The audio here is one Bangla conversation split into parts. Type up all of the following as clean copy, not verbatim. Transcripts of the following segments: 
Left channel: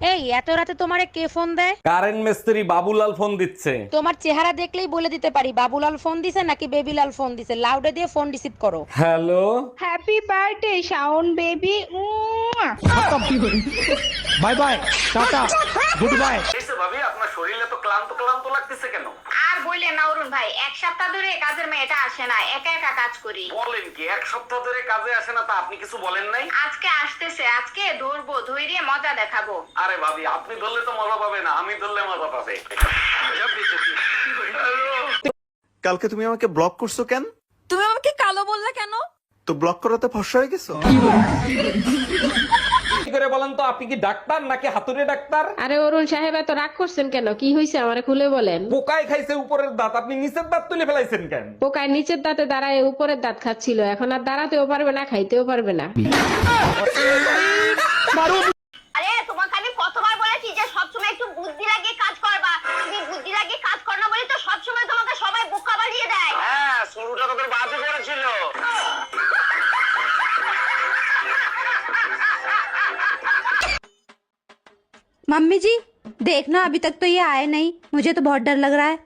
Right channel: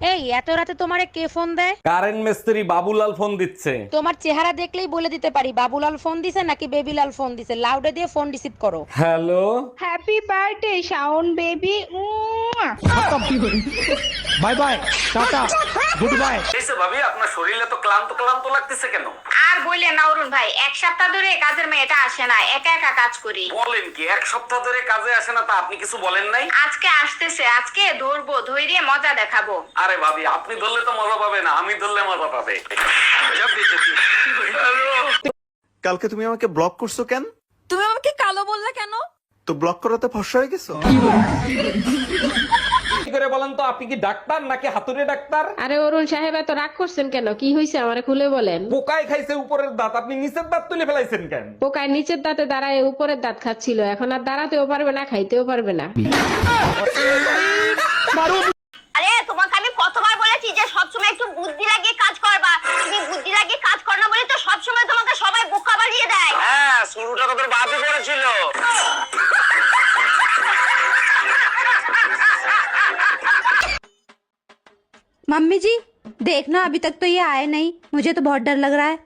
এই এত রাতে তোমারে কে ফোন দেয়? কারেন্ট মিস্ত্রি বাবুলাল ফোন দিচ্ছে। তোমার চেহারা দেখলেই বলে দিতে পারি বাবুলাল ফোন দিছে নাকি বেবিলাল ফোন দিছে। লাউডে দিয়ে ফোন রিসিভ করো। Hello, happy birthday Shaon baby. Bye bye, tata, good bye. ভাবি আপনার শরীরে তো ক্লান্ত ক্লান্ত লাগতেছে কেন? আর বললেন না অরুণ ভাই, এক সপ্তাহ ধরে কাজের মেয়েটা আসে না, একা একা কাজ করি। বলেন কি, এক সপ্তাহ ধরে কাজে আসে না? তা আপনি কিছু বলেন নাই? আজকে আসতেছে, আজকে ধরবো, ধৈর্য মজা দেখাবো। আরে ভাবি, আপনি ধরলে তো মজা পাবে না, আমি ধরলে মজা পাবে। কালকে তুমি আমাকে ব্লক করছো কেন? তুমি আমাকে কালো বললে কেন? তো ব্লক করাতে ফর্সা হয়ে গেছো? কি করে বলেন তো, আপনি কি ডাক্তার নাকি হাতুড়ে ডাক্তার? আরে অরুণ সাহেব এত রাগ করছেন কেন? কি হয়েছে আমারে খুলে বলেন। পোকায় খাইছে উপরের দাঁত, আপনি নিচের দাঁত তুলে ফেলাইছেন কেন? পোকায় নিচের দাঁতে দাঁড়ায় উপরের দাঁত খাচ্ছিল, এখন আর দাঁড়াতেও পারবে না, খাইতেও পারবে না। আরে তোমাকে আমি কতবার বলেছি যে সবসময় একটু বুদ্ধি লাগিয়ে কাজ করবা, তুমি বুদ্ধি লাগিয়ে কাজ কর না বলে তো সবসময় তোমাকে সবাই বোকা বানিয়ে দেয়। হ্যাঁ, শুরুটা তোদের বাপই করেছিল। मम्मी जी देखना, अभी तक तो ये आए नहीं, मुझे तो बहुत डर लग रहा है।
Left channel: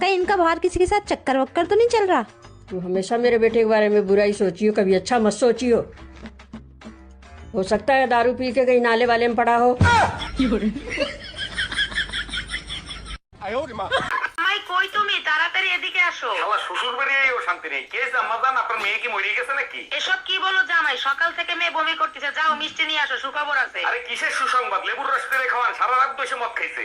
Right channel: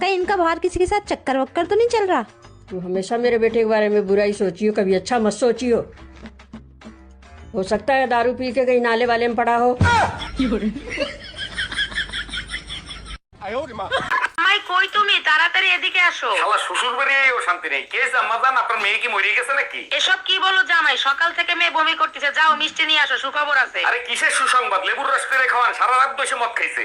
कहीं इनका बाहर किसी के साथ चक्कर वक्कर तो नहीं चल रहा? तू हमेशा मेरे बेटे के बारे में बुराई सोचियो, कभी अच्छा मत सोचियो। हो सकता है दारू पी के कहीं नाले वाले में पड़ा हो। আমায় কই তুমি, তাড়াতাড়ি এদিকে আসো। শালা শ্বশুর বাড়িও শান্তি নেই। কে জাম্মাজান, আপনার মেয়ে কি মরে গেছে নাকি? এসব কি বলো জামাই, সকাল থেকে মেয়ে বমি করতেছে, যাও মিষ্টি নিয়ে আসো, সুখবর আছে। আরে কিসের সুসংবাদ? লেবুর রস করে খাওয়ান, সারা রাত বসে মদ খাইছে।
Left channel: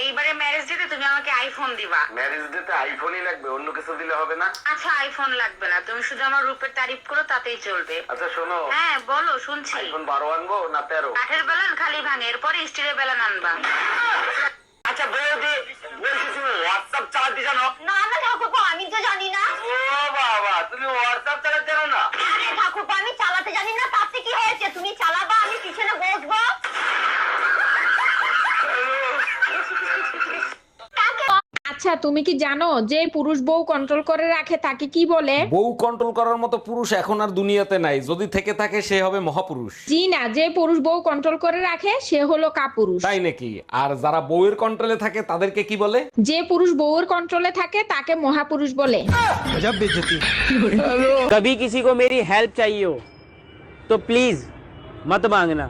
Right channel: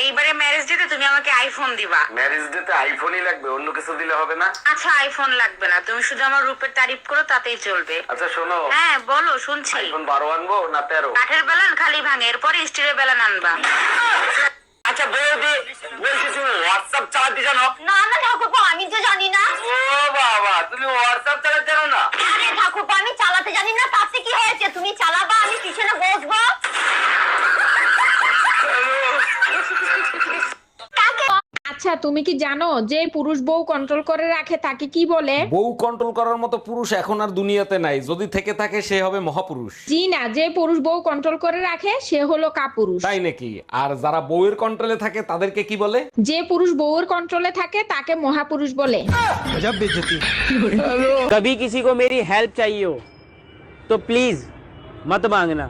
এইবারে ম্যারেজ ডেতে তুমি আমাকে আইফোন দিবা। ম্যারেজ ডেতে আইফোনই লাগবে, অন্য কিছু দিলে হবে না? আচ্ছা আইফোন লাগবে না, তুমি শুধু আমার রূপের তারিফ করো, তাতেই চলবে। আচ্ছা শোনো, হ্যাঁ বলো, শুনছি। আইফোন 12 আনবো না 13? কাঠের বেলান খালি ভাঙে, এরপরে স্টিলের বেলান আনবা। আচ্ছা বৌদি, বলছি তুমি হোয়াটসঅ্যাপ চালাতে জানো? না না ঠাকুরপো, আমি তো জানি না। ও বাবা, তুমি হোয়াটসঅ্যাপ চালাতে জানো না? আরে ঠাকুরপো, আমি চালাতে জানি না, তাতে কি হয়েছে? তুমি চালাবা, আমি পিছনে বসবো। আচ্ছা তুমি কি জানো যে পুরুষ বউ কন্ট্রোল করে রাখে তাকে কি বলে? বউ কন্ট্রোল করার মতো পুরুষ এখন আর দুনিয়াতে নাই, যদি থেকে থাকে সে হবে মহাপুরুষ। জি না, যে পুরুষ বউ কন্ট্রোল করে রাখে সে হলো কাপুরুষ। তাই নাকি? আর যারা বউয়ের কন্ট্রোলে থাকে তাদেরকে কি বলে? যে পুরুষ বউর কন্ট্রোলে থাকে তাকে মহাপুরুষ বলে। गजब बेइज्जती। कभी किसी को मेरी हेल्प चाहिए हो तो प्लीज मत मांगना,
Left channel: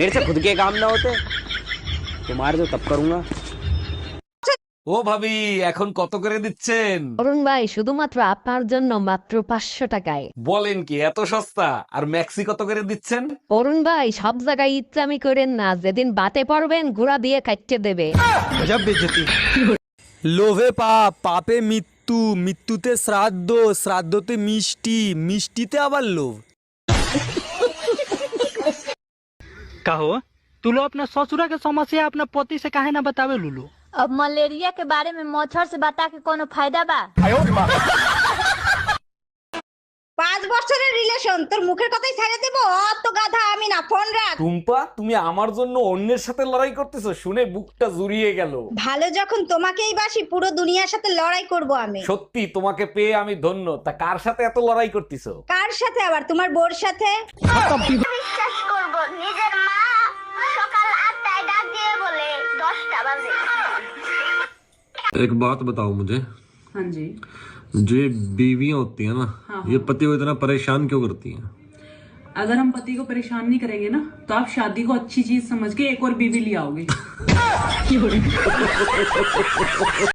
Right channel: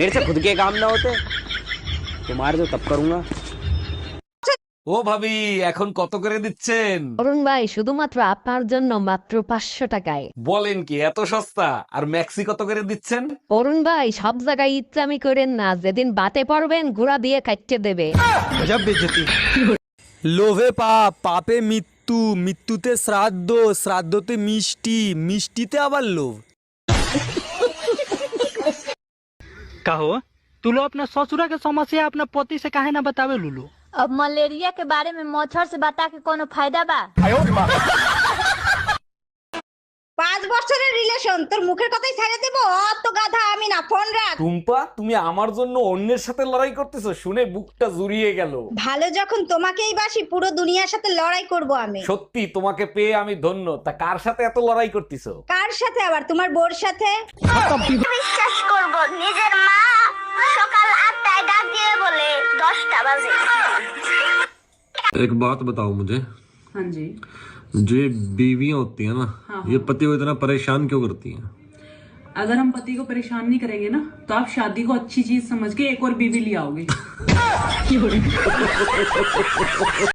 मेरे से खुद के काम ना होते तुम्हारे तो तब करूंगा। ও ভাবি, এখন কত করে দিচ্ছেন? অরুণ ভাই শুধুমাত্র আপনার জন্য মাত্র 500 টাকায়। বলেন কি, এত সস্তা? আর ম্যাক্সি কত করে দিচ্ছেন? অরুণ ভাই সব জায়গায় ইচ্ছামি করেন না, যেদিন বাতে পড়বেন ঘোড়া দিয়ে কাটতে দেবে। गजब बेइज्जती। লোভে পাপ, পাপে মৃত্যু, মৃত্যুতে শ্রাদ্ধ, শ্রাদ্ধতে মিষ্টি, মিষ্টিতে আবার লোভ। कहो तू लो अपना ससुरा के समस्या अपना पति से काहे ना बतावे लुलू? अब मलेरिया के बारे में मच्छर से बता के कोनो फायदा बा? 5 বছরের রিলেশন, তোর মুখের কথাই ছেড়ে দেব? অত গাধা আমি না, ফোন রাখ। টুম্পা, তুমি আমার জন্য অন্যের সাথে লড়াই করতেছো শুনে বুকটা জুড়িয়ে গেল। ভালো যখন তোমাকেই বাসি, পুরো দুনিয়ার সাথে লড়াই করব আমি। সত্যি তোমাকে পেয়ে আমি ধন্য। তা কার সাথে এত লড়াই করতেছো? কার সাথে আবার? তোমার বোর সাথে। বিশ্বাস করব, নিজের মা সকাল 8টায় ডাক দিয়ে বলে 10টা বাজে। एक बात बताओ मुझे। हाँ जी। जो ये बीवियां होती है ना, ये पति को इतना परेशान क्यों करती हैं? अगर हम पति को परेशान नहीं करेंगे ना तो आप शादी को अच्छी चीज समझ के एक और बीवी ले आओगे।